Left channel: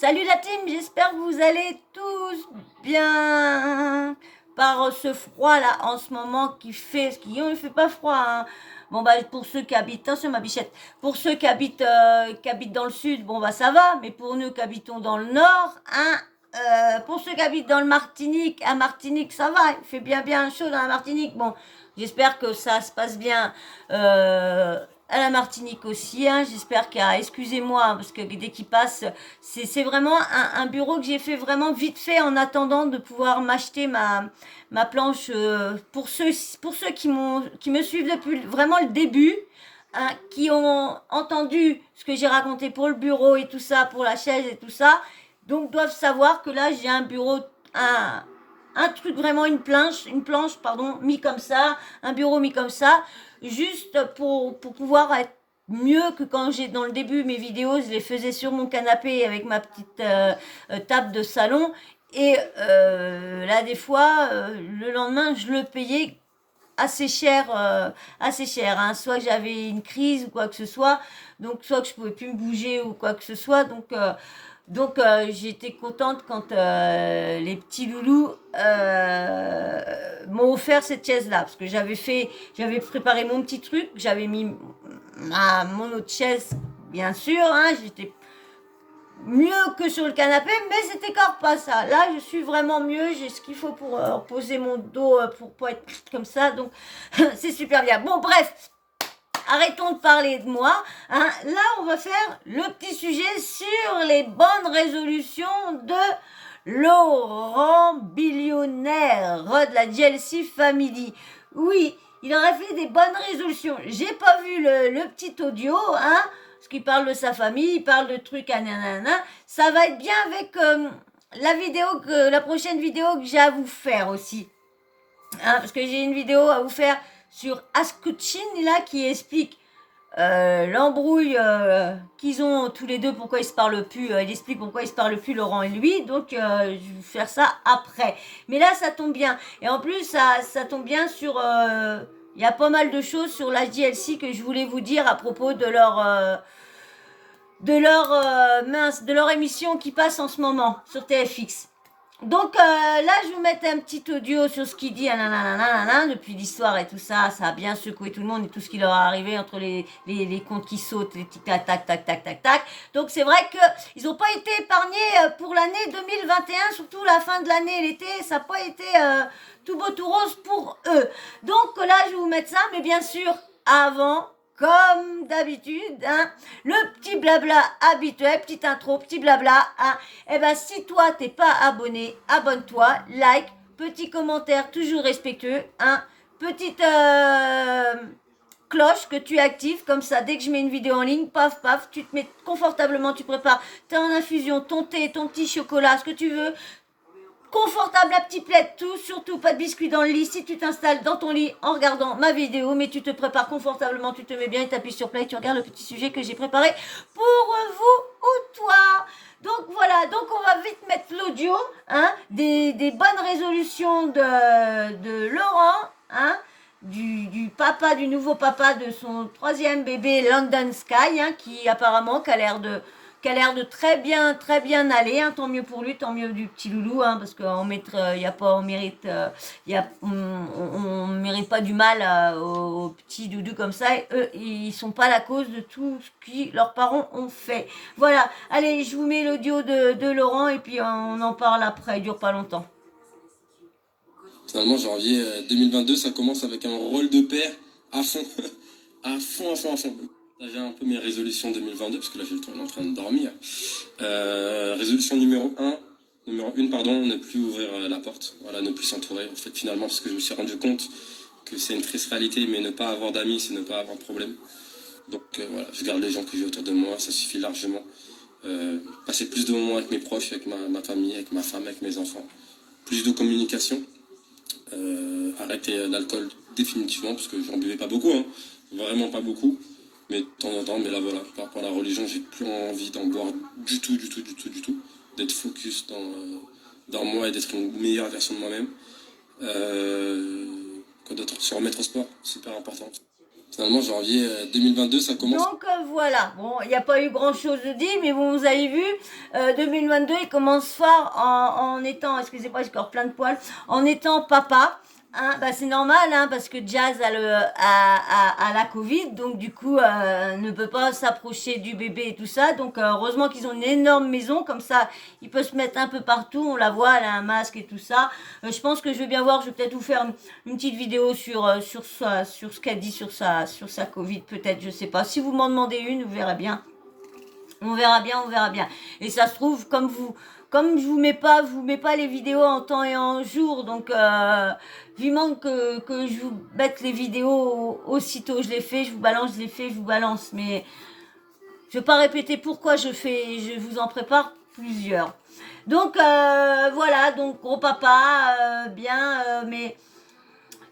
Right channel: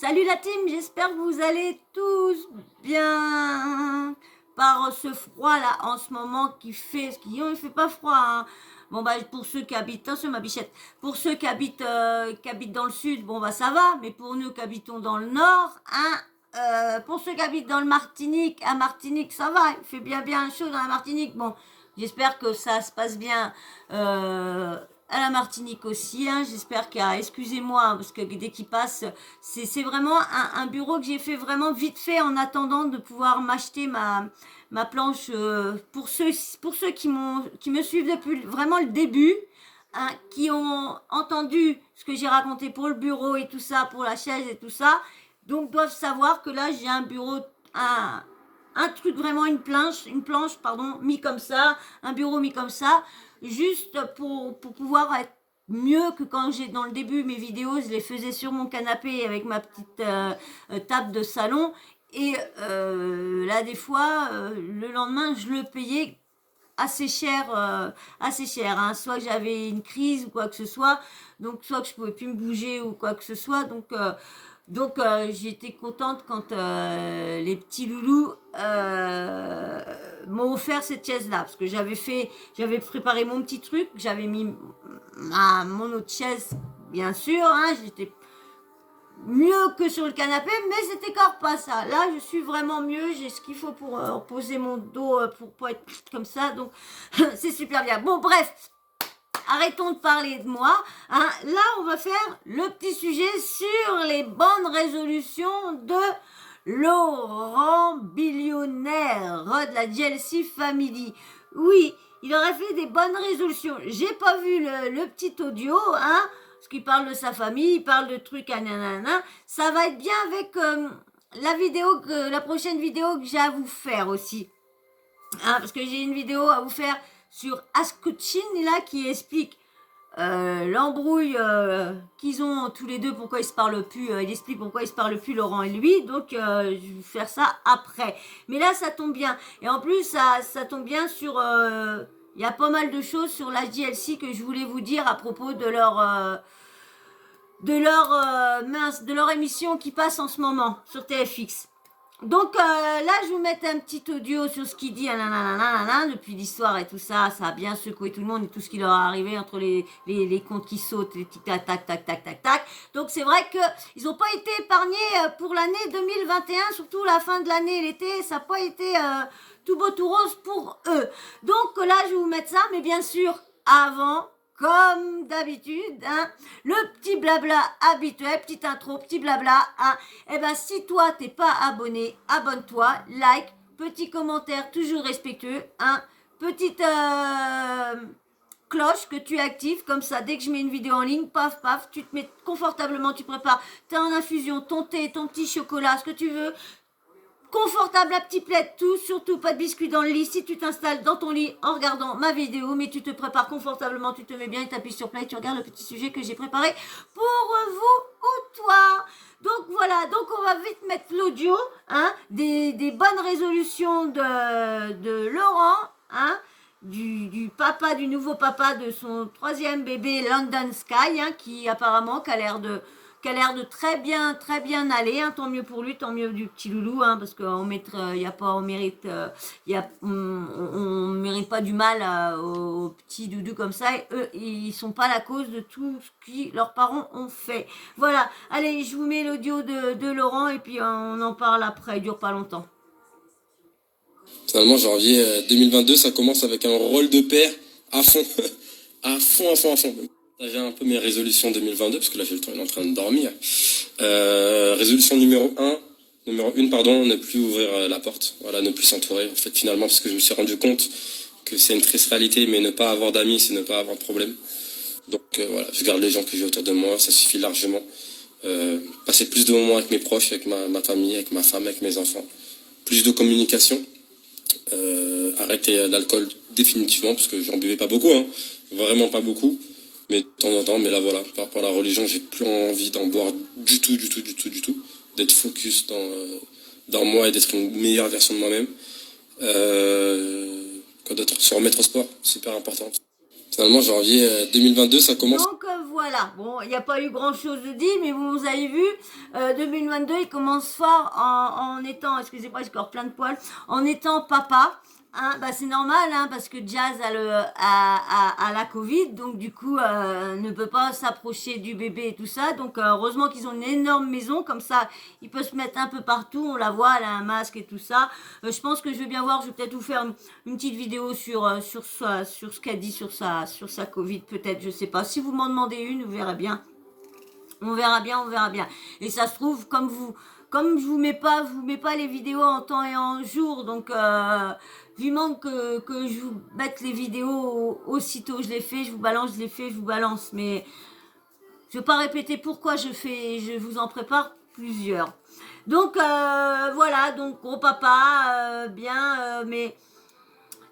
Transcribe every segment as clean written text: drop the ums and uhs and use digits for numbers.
Salut la team, j'espère que vous allez tous bien. Par ce froid là en ce moment il fait pas froid, hein. Bon bah pour ceux qui habitent, c'est ma bichette. Pour ceux qui habitent dans le sud, bon bah ça va, mais pour nous qui habitons dans le nord, hein, pour ceux qui habitent dans le Martinique, à Martinique ça va, il fait bien chaud dans la Martinique. Bon, j'espère que ça se passe bien. Euh, à la Martinique aussi, hein. J'espère qu'il y a, excusez-moi, hein, parce que dès qu'il passe, c'est vraiment un bureau que j'ai fait vraiment vite fait en attendant de pouvoir m'acheter ma planche pour ceux qui me suivent depuis vraiment le début, hein, qui ont entendu ce que j'ai raconté pour le bureau et tout ça, pour la chaise et tout ça, donc doivent savoir que là j'ai un bureau, un truc vraiment une planche pardon, mis comme ça, un bureau mis comme ça, juste pour pouvoir être mieux que quand j'ai dans le début mes vidéos, je les faisais sur mon canapé avec ma petite table de salon. Et là, des fois, le lendemain, je le payais assez cher, hein. Soit j'avais une crise ou quoi que ce soit, donc soit que je pouvais plus me bouger ou quoi que ce soit, j'étais contente quand les petits loulous m'ont offert cette chaise-là, parce que j'avais préparé mon petit truc, j'avais mis mon autre chaise, bien sûr, hein, j'étais mieux que sur le canapé, mais c'était encore pas ça. Là, je suis vraiment mieux, j'ai ce qu'il faut pour reposer mon dos, pour pas être comme ça, donc c'est super bien. Bon, bref, arrêtons de parler de moi, hein. Là, on va faire le petit sujet sur les bonnes résolutions de Laurent Billionnaire de la GLC Family. Oui, il aurait fait des bonnes résolutions. J'ai pas vu le petit audio, hein, parce qu'il parle de sa famille, il parle de trucs, nanana. Ça va être bien avec la prochaine vidéo que j'ai à vous faire aussi. Hein, parce que j'ai une vidéo à vous faire sur Askuchin là qui explique l'embrouille qu'ils ont tous les deux, pourquoi ils se parlent plus. Il explique pourquoi ils se parlent plus, Laurent et lui. Donc je vais faire ça après. Mais là ça tombe bien. Et en plus ça tombe bien sur. Il y a pas mal de choses sur la JLC que je voulais vous dire à propos de leur émission qui passe en ce moment sur TFX. Donc là, je vais vous mettre un petit audio sur ce qu'il dit, nanana, depuis l'histoire et tout ça. Ça a bien secoué tout le monde et tout ce qui leur est arrivé entre les comptes qui sautent, les tic tac tac tac tac tac tac. Donc c'est vrai qu'ils n'ont pas été épargnés pour l'année 2021, surtout la fin de l'année, l'été, ça n'a pas été tout beau tout rose pour eux. Donc là, je vais vous mettre ça, mais bien sûr, avant, comme d'habitude, hein, le petit blabla habituel, petite intro, petit blabla, hein. Eh ben, si toi, t'es pas abonné, abonne-toi, like, petit commentaire toujours respectueux, hein, petite cloche que tu actives, comme ça, dès que je mets une vidéo en ligne, paf, paf, tu te mets confortablement, tu prépares, t'es en infusion, ton thé, ton petit chocolat, ce que tu veux, confortable à petit plaid, tout, surtout pas de biscuits dans le lit. Si tu t'installes dans ton lit en regardant ma vidéo, mais tu te prépares confortablement, tu te mets bien et t'appuies sur play, tu regardes le petit sujet que j'ai préparé pour vous ou toi. Donc voilà, donc on va vite mettre l'audio, hein, des bonnes résolutions de Laurent, hein, du nouveau papa de son troisième bébé London Sky, hein, qui apparemment qui a l'air de très bien aller, hein. Tant mieux pour lui, tant mieux du petit loulou, hein, parce qu'on y a pas, on mérite, on mérite pas du mal aux petits doudous comme ça. Et eux, ils sont pas la cause de tout ce que leurs parents ont fait. Voilà. Allez, je vous mets l'audio de Laurent et puis on en parle après. Il dure pas longtemps. Finalement, janvier 2022, ça commence avec un rôle de père à fond. à fond, à fond, à fond. J'ai un peu mes résolutions 2022, parce que là, j'ai le temps, il est en train de dormir. Résolution numéro 1, pardon, ne plus ouvrir la porte. Voilà, ne plus s'entourer. En fait, finalement, parce que je me suis rendu compte que c'est une triste réalité, mais ne pas avoir d'amis, c'est ne pas avoir de problème. Donc voilà, je garde les gens que j'ai autour de moi, ça suffit largement. Passer plus de moments avec mes proches, avec ma famille, avec ma femme, avec mes enfants. Plus de communication. Arrêter l'alcool définitivement, parce que j'en buvais pas beaucoup, hein, vraiment pas beaucoup, mais de temps en temps. Mais là voilà, par rapport à la religion, j'ai plus envie d'en boire du tout, d'être focus dans moi et d'être une meilleure version de moi-même. Quoi d'autre? Se remettre au sport, super important. Finalement, janvier 2022, ça commence. Donc voilà. Bon, il n'y a pas eu grand-chose de dit, mais bon, vous avez vu, 2022, il commence fort en étant, excusez-moi, j'ai encore plein de poils, en étant papa. Hein, bah c'est normal, hein, parce que Jazz a la Covid, donc du coup, ne peut pas s'approcher du bébé et tout ça. Donc, heureusement qu'ils ont une énorme maison, comme ça, il peut se mettre un peu partout. On la voit, elle a un masque et tout ça. Je pense que je vais bien voir, je vais peut-être vous faire une petite vidéo sur ce qu'elle dit sur sa Covid, peut-être, je sais pas. Si vous m'en demandez une, vous verrez bien. On verra bien, on verra bien. Et ça se trouve, comme je vous mets pas les vidéos en temps et en jour, donc vivement que je vous mette les vidéos aussitôt je les fais, je vous balance, je les fais, je vous balance. Mais je vais pas répéter pourquoi je vous en prépare plusieurs. Donc voilà, donc gros papa, bien, mais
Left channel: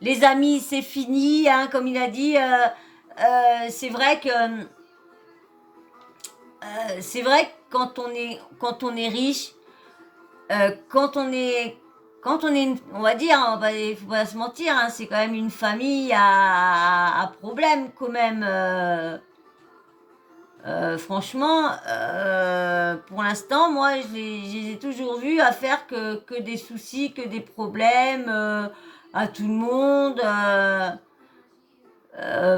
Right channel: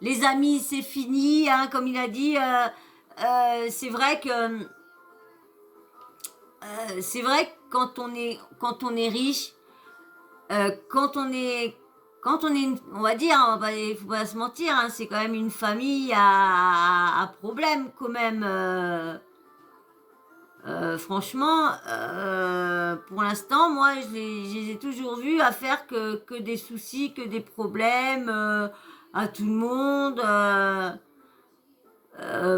les amis c'est fini, hein, comme il a dit. C'est vrai que quand on est riche, quand on est, on va dire, il faut pas se mentir, hein, c'est quand même une famille à problème quand même. Franchement, pour l'instant, moi, je les ai toujours vus à faire que des soucis, que des problèmes à tout le monde.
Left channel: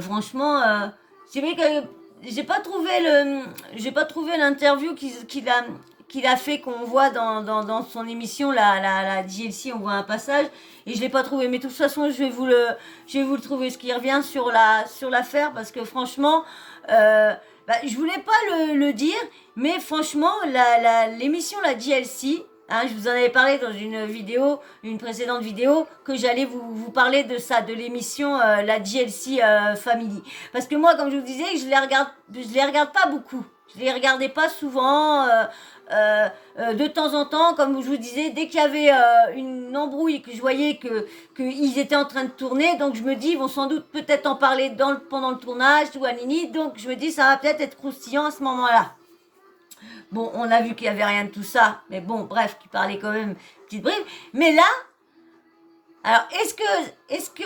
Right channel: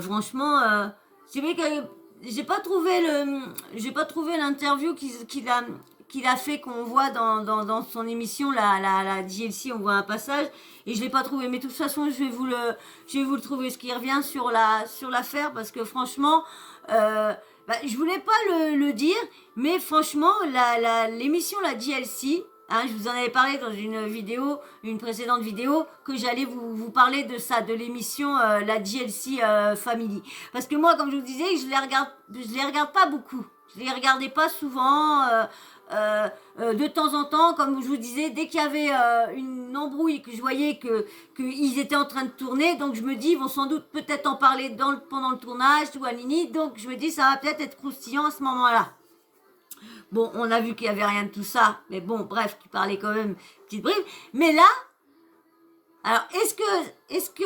Franchement, c'est vrai que j'ai pas trouvé l'interview qu'il a fait qu'on voit dans son émission la DLC, on voit un passage et je l'ai pas trouvé. Mais de toute façon, je vais vous le trouver ce qui revient sur l'affaire parce que franchement, je voulais pas le dire, mais franchement, l'émission la DLC. Hein, je vous en avais parlé dans une précédente vidéo, que j'allais vous parler de ça, de l'émission la DLC Family. Parce que moi, comme je vous disais, je les regarde pas beaucoup. Je les regardais pas souvent. De temps en temps, comme je vous disais, dès qu'il y avait une embrouille, que je voyais qu'ils étaient en train de tourner, donc je me dis, ils vont sans doute peut-être en parler pendant le tournage, ou à Nini, donc je me dis, ça va peut-être être croustillant à ce moment-là. Bon, on a vu qu'il n'y avait rien de tout ça, mais bon, bref, qui parlait quand même petite bribe. Mais là, alors, est-ce que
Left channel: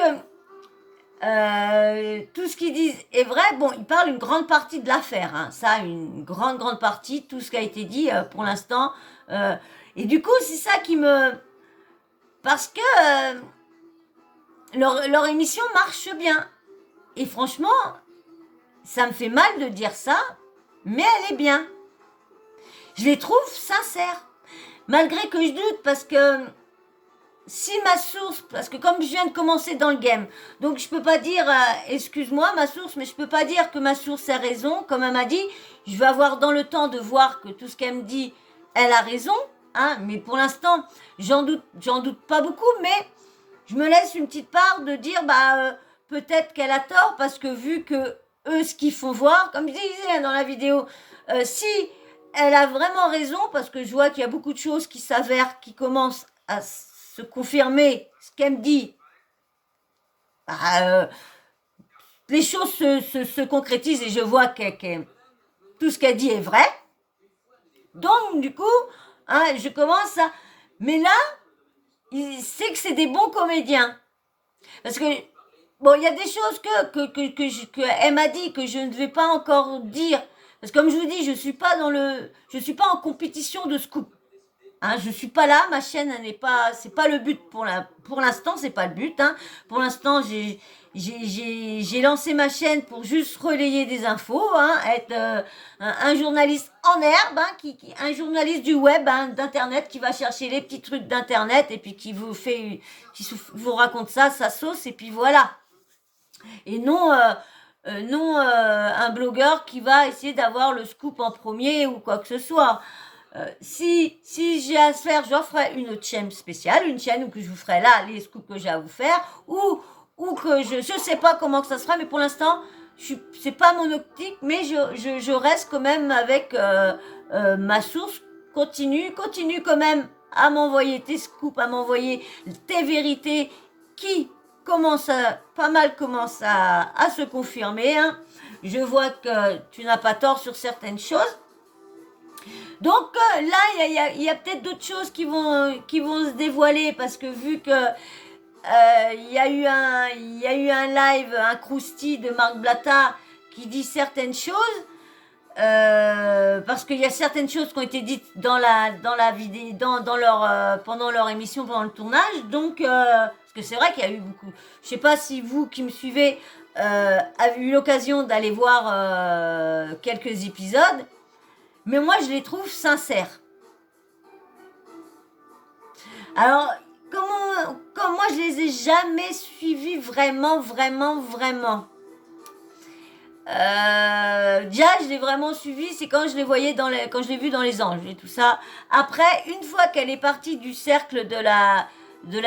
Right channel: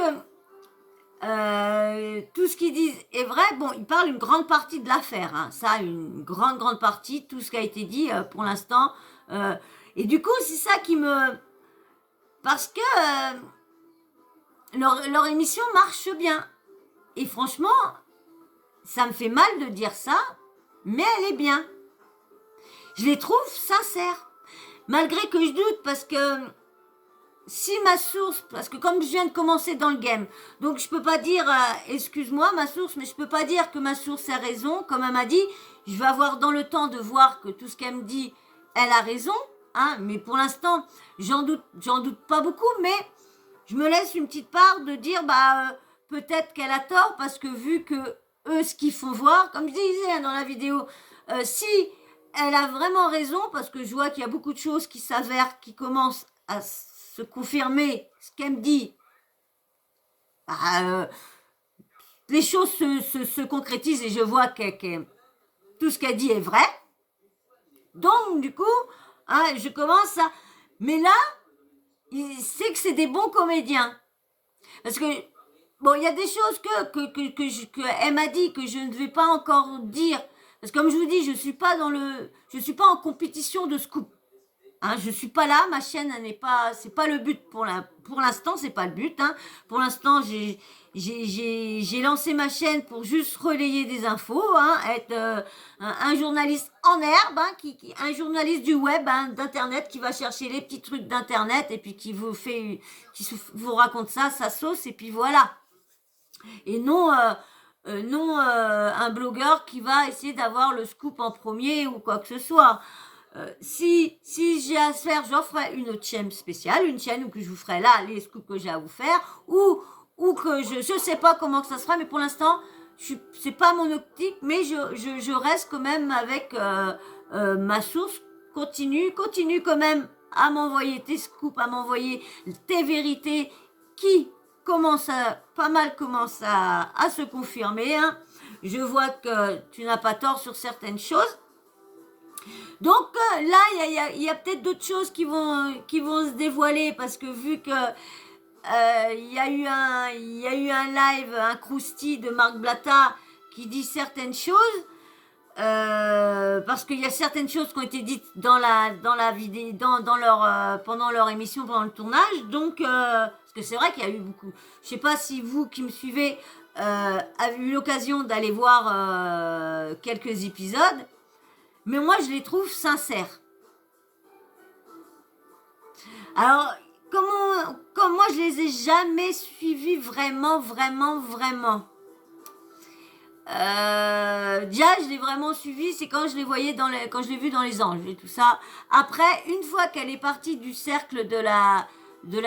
tout ce qu'ils disent est vrai? Bon, ils parlent une grande partie de l'affaire, hein. Ça, une grande partie, tout ce qui a été dit pour l'instant. Et du coup, c'est ça qui me... Parce que leur émission marche bien. Et franchement, ça me fait mal de dire ça, mais elle est bien. Je les trouve sincères. Malgré que je doute, parce que si ma source, parce que comme je viens de commencer dans le game, donc je peux pas dire, excuse-moi ma source, mais je peux pas dire que ma source a raison, comme elle m'a dit, je vais avoir dans le temps de voir que tout ce qu'elle me dit, elle a raison, hein, mais pour l'instant, j'en doute pas beaucoup, mais je me laisse une petite part de dire, peut-être qu'elle a tort, parce que vu que eux, ce qu'ils font voir, comme je disais dans la vidéo, si elle a vraiment raison, parce que je vois qu'il y a beaucoup de choses qui s'avèrent, qui commencent à se confirmer, ce qu'elle me dit. Les choses se concrétisent et je vois que tout ce qu'elle dit est vrai. Donc, du coup, hein, je commence à... Mais là, c'est que c'est des bons comédiens. Parce que, bon, il y a des choses que elle m'a dit que je ne vais pas encore dire. Parce que comme je vous dis, je suis pas en compétition de scoop. Hein, je suis pas là, ma chaîne n'est pas, c'est pas le but pour l'instant, c'est pas le but. Hein. Pour l'instant, j'ai lancé ma chaîne pour juste relayer des infos, hein, être un journaliste en herbe, hein, un journaliste du web, hein, d'internet, qui va chercher les petits trucs d'internet et puis qui vous raconte ça, sa sauce et puis voilà. Et non un blogueur qui va essayer d'avoir le scoop en premier ou quoi que ce soit. Si j'ai à se faire, j'en ferai une autre chaîne spéciale, une chaîne où que je vous ferai là les scoops que j'ai à vous faire, ou que je sais pas comment que ça sera, mais pour l'instant, c'est pas mon optique, mais je reste quand même avec ma source, continue quand même à m'envoyer tes scoops, à m'envoyer tes vérités qui pas mal commence à se confirmer, hein. Je vois que tu n'as pas tort sur certaines choses. Donc là, il y a peut-être d'autres choses qui vont se dévoiler parce que vu que il y a eu un live, un crousty de Marc Blatta qui dit certaines choses, Parce qu'il y a certaines choses qui ont été dites dans la vidéo, dans leur, pendant leur émission, pendant le tournage. Donc, parce que c'est vrai qu'il y a eu beaucoup. Je sais pas si vous qui me suivez avez eu l'occasion d'aller voir quelques épisodes, mais moi je les trouve sincères. Alors, comme moi je les ai jamais suivis vraiment. Déjà, je l'ai vraiment suivi, c'est quand je les voyais quand je l'ai vu dans Les Anges et tout ça. Après, une fois qu'elle est partie du cercle de la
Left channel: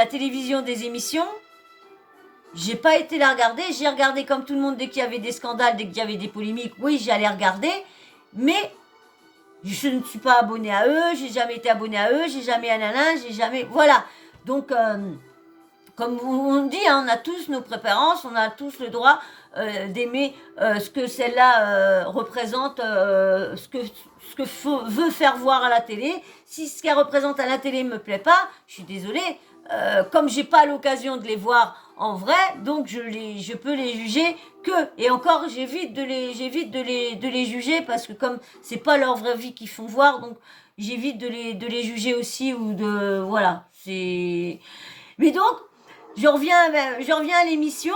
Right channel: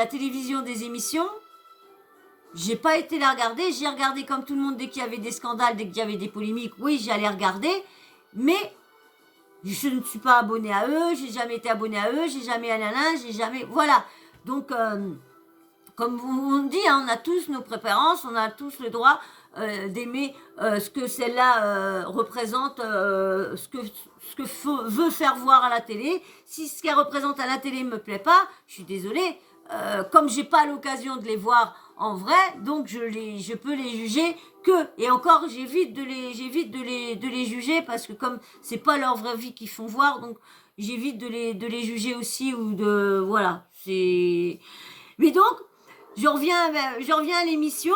télévision des émissions, j'ai pas été la regarder. J'ai regardé comme tout le monde dès qu'il y avait des scandales, dès qu'il y avait des polémiques. Oui, j'allais regarder, mais je ne suis pas abonnée à eux. J'ai jamais été abonnée à eux. J'ai jamais j'ai jamais. Voilà. Donc, comme on dit, hein, on a tous nos préférences, on a tous le droit d'aimer ce que celle-là représente, ce que veut faire voir à la télé. Si ce qu'elle représente à la télé me plaît pas, je suis désolée. Comme j'ai pas l'occasion de les voir en vrai, donc je peux les juger que, et encore j'évite de les juger parce que comme c'est pas leur vraie vie qu'ils font voir, donc j'évite de les juger aussi ou de voilà, c'est. Mais donc je reviens à l'émission.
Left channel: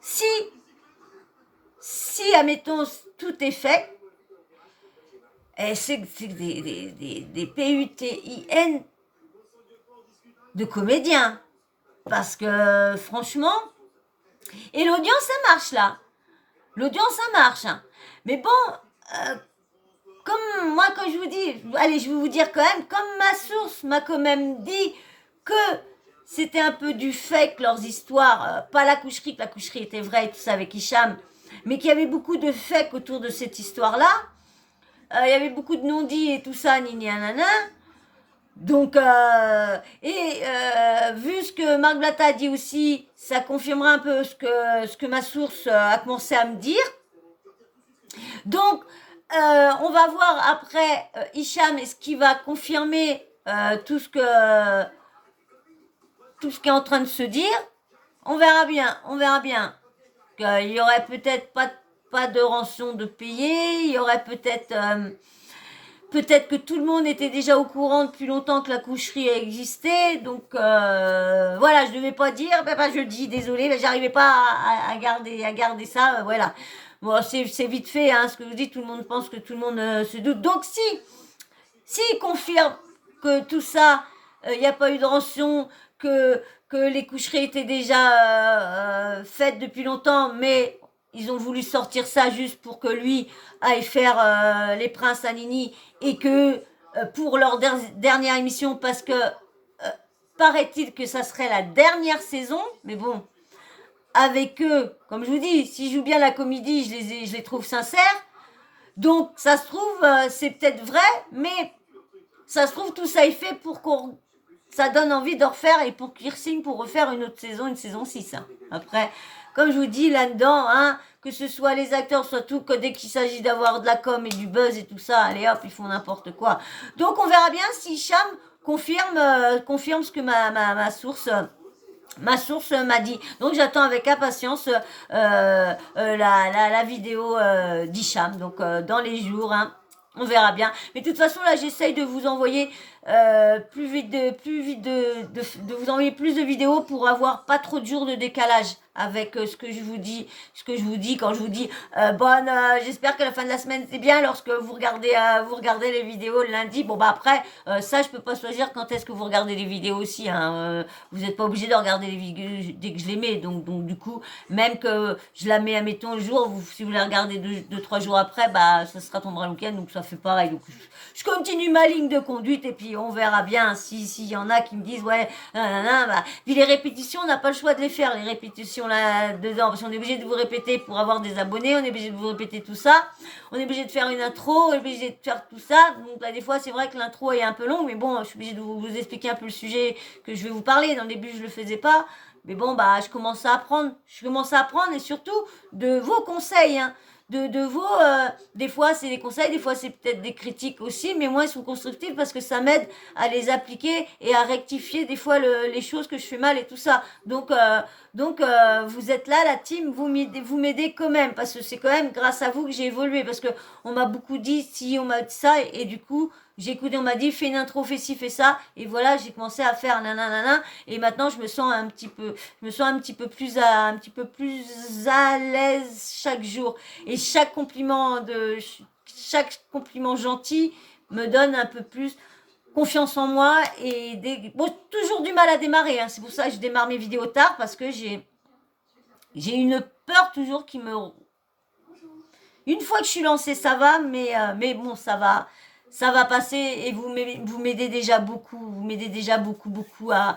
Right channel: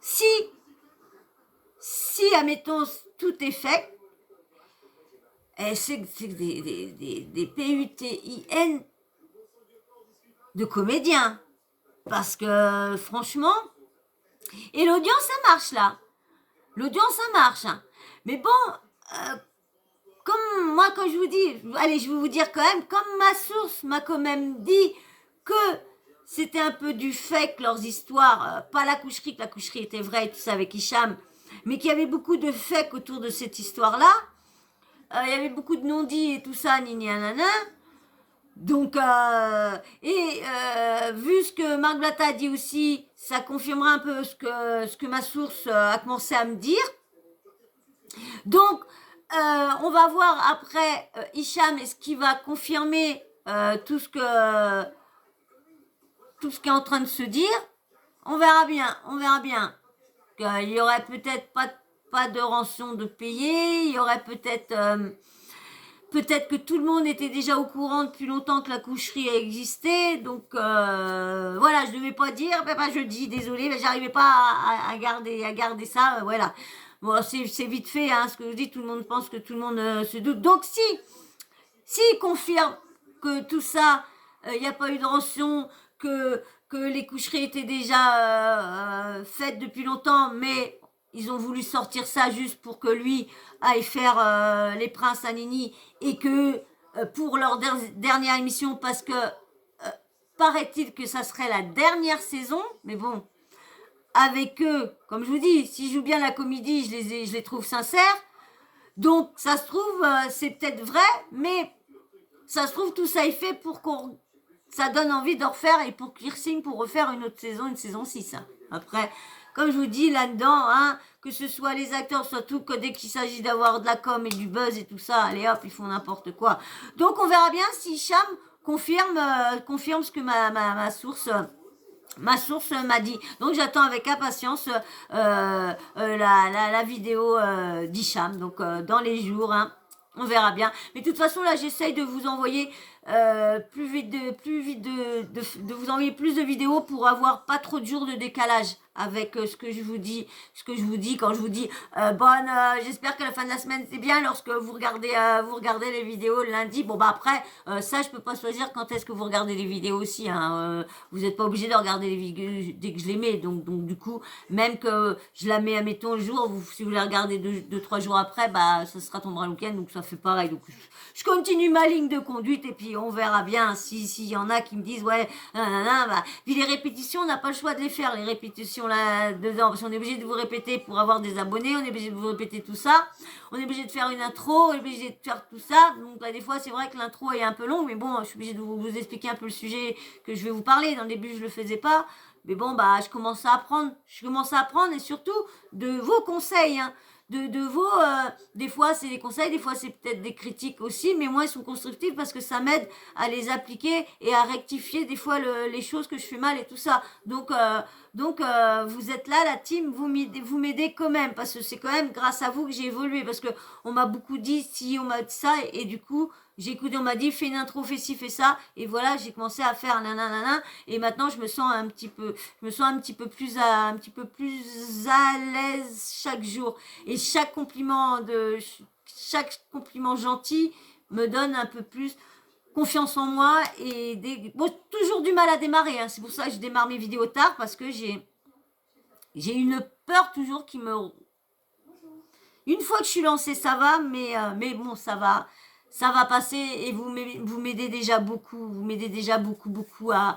Si, admettons, tout est fait, c'est des PUTIN de comédiens. Parce que, franchement, et l'audience, ça marche, là. L'audience, ça marche. Hein. Mais bon, comme moi, quand je vous dis, allez, je vais vous dire quand même, comme ma source m'a quand même dit que c'était un peu du fake, leurs histoires, pas la coucherie, que la coucherie était vraie et tout ça avec Hicham, mais qu'il y avait beaucoup de fake autour de cette histoire-là. Il y avait beaucoup de non-dits et tout ça, nini nanana. Donc, vu ce que Marc Blatta a dit aussi, ça confirmera un peu ce que ma source a commencé à me dire. Donc, on va voir après Hicham, est-ce qu'il va confirmer tout ce qui est en train de se dire. On verra bien. Il y aurait peut-être pas de rançon de payer, il y aurait peut-être que tout le monde était déjà au courant depuis longtemps que la coucherie existait, donc voilà, je ne devais pas dire, je dis, désolé, mais j'arrivais pas à garder ça, voilà. Bon, c'est vite fait, hein, ce que je dis, tout le monde pense que tout le monde se doute. Donc s'il confirme que tout ça, il n'y a pas eu de rançon, que les coucheries étaient déjà faites depuis longtemps, mais ils ont voulu sortir ça juste pour que lui aille faire les princes à Nini et que pour leur dernière émission, parce que paraît-il que ça serait la dernière saison, mais bon, avec eux, comme je vous dis, s'ils jouent bien la comédie, je les trouve sincères. Donc, ça se trouve, c'est peut-être vrai, mais ça se trouve, tout ça est fait pour qu'on ça donne envie de refaire et pour qu'ils signent pour refaire une autre saison, une saison 6. Hein. Après, comme je vous dis là-dedans, hein, que ce soit les acteurs, soit tout, que dès qu'il s'agit d'avoir de la com et du buzz et tout ça, allez hop, ils font n'importe quoi. Donc on verra bien si Cham confirme ce que ma source m'a dit. Donc j'attends avec impatience la vidéo d'Hicham. Donc dans les jours, hein, on verra bien. Mais de toute façon, là, j'essaye de vous envoyer plus vite de vous envoyer plus de vidéos pour avoir pas trop de jours de décalage avec ce que je vous dis quand je vous dis j'espère que la fin de la semaine c'est bien lorsque vous regardez les vidéos le lundi. Bon bah après ça je peux pas choisir quand est-ce que vous regardez les vidéos aussi, hein. Vous n'êtes pas obligé de regarder les vidéos dès que je les mets, donc du coup même que je la mets admettons le jour, si vous la regardez 2-3 jours après, bah ça sera tombera le week-end, donc ça fait pareil. Donc je continue ma ligne de conduite et puis on verra bien s'il y en a qui me disent ouais puis les répétitions on n'a pas le choix de les faire, les répétitions là dedans, parce qu'on est obligé de vous répéter pour avoir des abonnés, on est obligé de vous répéter tout ça, on est obligé de faire une intro, on est obligé de faire tout ça. Donc là des fois c'est vrai que l'intro est un peu longue, mais bon je suis obligée de vous expliquer un peu le sujet que je vais vous parler. Dans le début je le faisais pas, Mais bon, bah, je commence à apprendre. Je commence à apprendre et surtout de vos conseils, hein. De vos, des fois c'est des conseils, des fois c'est peut-être des critiques aussi, mais moi ils sont constructifs parce que ça m'aide à les appliquer et à rectifier des fois les choses que je fais mal et tout ça. Donc vous êtes là, la team, vous m'aidez quand même parce que c'est quand même grâce à vous que j'ai évolué parce que on m'a beaucoup dit si, on m'a dit ça et du coup j'ai écouté, on m'a dit fais une intro, fais ci, fais ça et voilà j'ai commencé à faire nanana et maintenant je me sens un petit peu plus à l'aise chaque jour. Et chaque compliment gentil me donne un peu plus confiance en moi et bon, toujours du mal à démarrer, hein. C'est pour ça que je démarre mes vidéos tard parce que j'ai une peur toujours qui me... Une fois que je suis lancée, ça va, mais bon, ça va passer et vous m'aidez déjà beaucoup, vous m'aidez déjà beaucoup à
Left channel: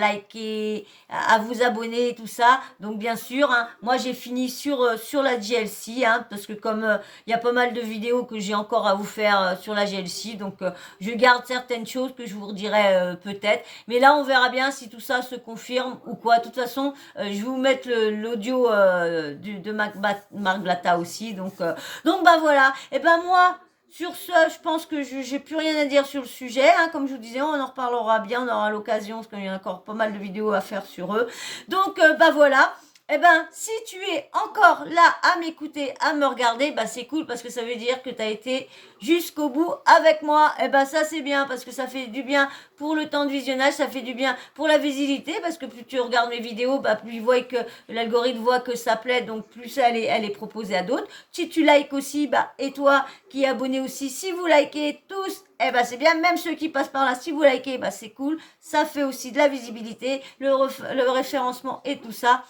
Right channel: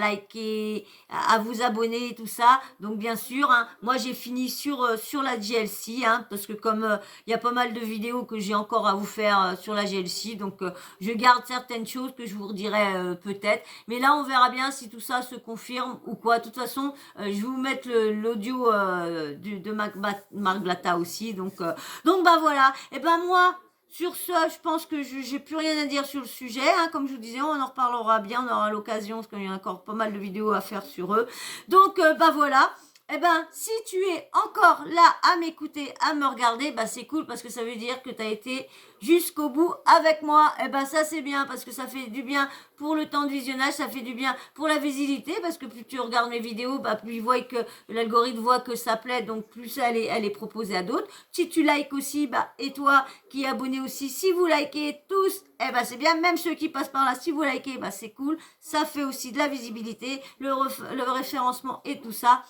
liker, à vous abonner et tout ça. Donc bien sûr, hein, moi j'ai fini sur la GLC, hein, parce que comme il y a pas mal de vidéos que j'ai encore à vous faire sur la GLC, donc je garde certaines choses que je vous redirai peut-être. Mais là, on verra bien si tout ça se confirme ou quoi. De toute façon, je vais vous mettre l'audio de Marc Blatta aussi. Donc bah voilà. Et ben moi... Sur ce, je pense que je n'ai plus rien à dire sur le sujet. Hein. Comme je vous disais, on en reparlera bien, on aura l'occasion, parce qu'il y a encore pas mal de vidéos à faire sur eux. Donc, bah voilà. Eh ben, si tu es encore là à m'écouter, à me regarder, bah c'est cool parce que ça veut dire que tu as été jusqu'au bout avec moi. Eh ben, ça c'est bien parce que ça fait du bien pour le temps de visionnage, ça fait du bien pour la visibilité parce que plus tu regardes mes vidéos, bah plus il voit que l'algorithme voit que ça plaît, donc plus elle est proposée à d'autres. Si tu likes aussi, bah et toi qui es abonné aussi, si vous likez tous, eh ben c'est bien, même ceux qui passent par là, si vous likez, bah c'est cool, ça fait aussi de la visibilité, le référencement et tout ça.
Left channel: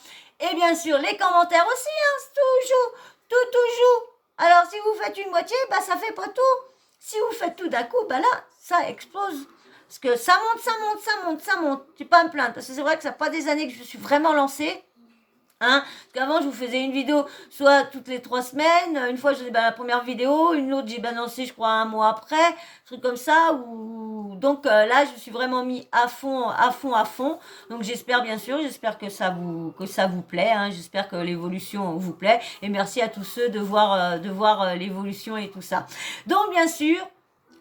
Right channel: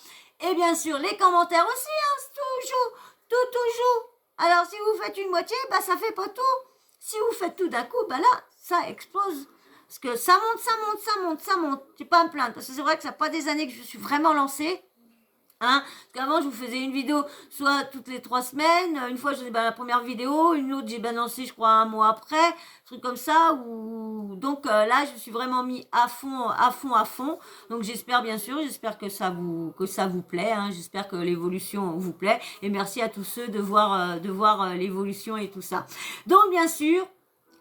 Et bien sûr, les commentaires aussi, hein, toujours. Alors, si vous faites une moitié, bah ça fait pas tout. Si vous faites tout d'un coup, bah là, ça explose. Parce que ça monte. C'est pas à me plaindre. Parce que c'est vrai que ça fait pas des années que je suis vraiment lancée. Hein, parce qu'avant, je vous faisais une vidéo soit toutes les 3 semaines. Une fois, je faisais la première vidéo. Une autre, j'ai balancé, je crois, un mois après. Un truc comme ça. Donc là, je me suis vraiment mis à fond. Donc j'espère, bien sûr, que ça vous plaît. Hein. J'espère que l'évolution vous plaît. Et merci à tous ceux de voir l'évolution et tout ça. Donc, bien sûr,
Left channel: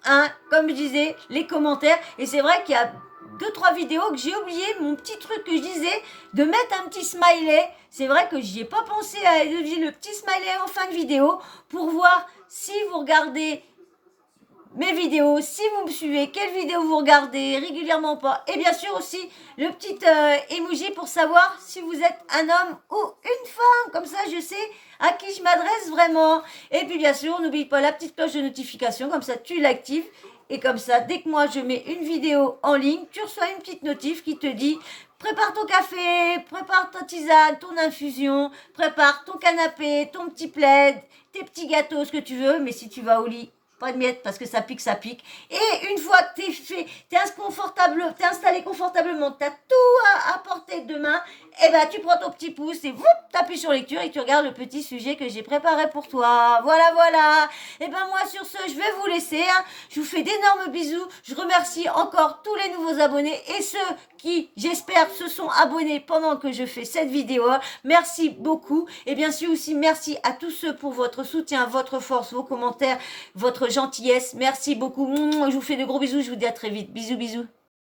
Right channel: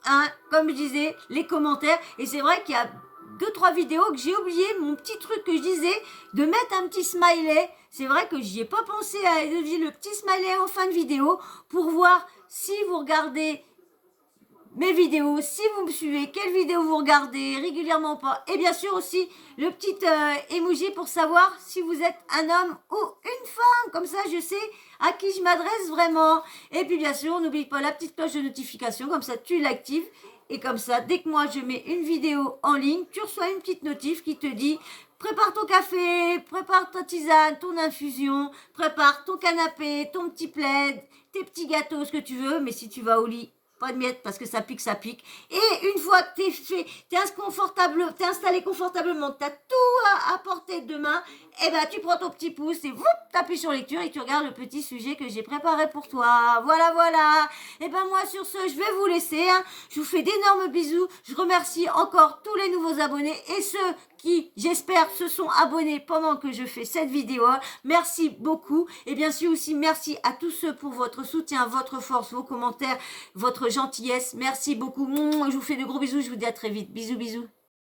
hein, comme je disais, les commentaires. Et c'est vrai qu'il y a 2-3 vidéos que j'ai oublié mon petit truc que je disais de mettre un petit smiley. C'est vrai que j'y ai pas pensé à le petit smiley en fin de vidéo pour voir si vous regardez mes vidéos, si vous me suivez, quelles vidéos vous regardez régulièrement ou pas. Et bien sûr aussi le petit emoji pour savoir si vous êtes un homme ou une femme. Comme ça, je sais à qui je m'adresse vraiment. Et puis bien sûr, n'oublie pas la petite cloche de notification. Comme ça, tu l'actives. Et comme ça, dès que moi je mets une vidéo en ligne, tu reçois une petite notif qui te dit prépare ton café, prépare ta tisane, ton infusion, prépare ton canapé, ton petit plaid, tes petits gâteaux, ce que tu veux. Mais si tu vas au lit, pas de miettes parce que ça pique. Et une fois que t'es installé confortablement, t'as tout à portée de main, et ben tu prends ton petit pouce et t'appuies sur lecture et tu regardes le petit sujet que j'ai préparé pour toi. Voilà. Et ben moi sur ce, je vais vous laisser. Hein. Je vous fais d'énormes bisous. Je remercie encore tous les nouveaux abonnés et ceux qui, j'espère, se sont abonnés pendant que je fais cette vidéo. Merci beaucoup. Et bien sûr aussi, merci à tous ceux pour votre soutien, votre force, vos commentaires, votre gentillesse. Merci beaucoup. Je vous fais de gros bisous. Je vous dis à très vite. Bisous.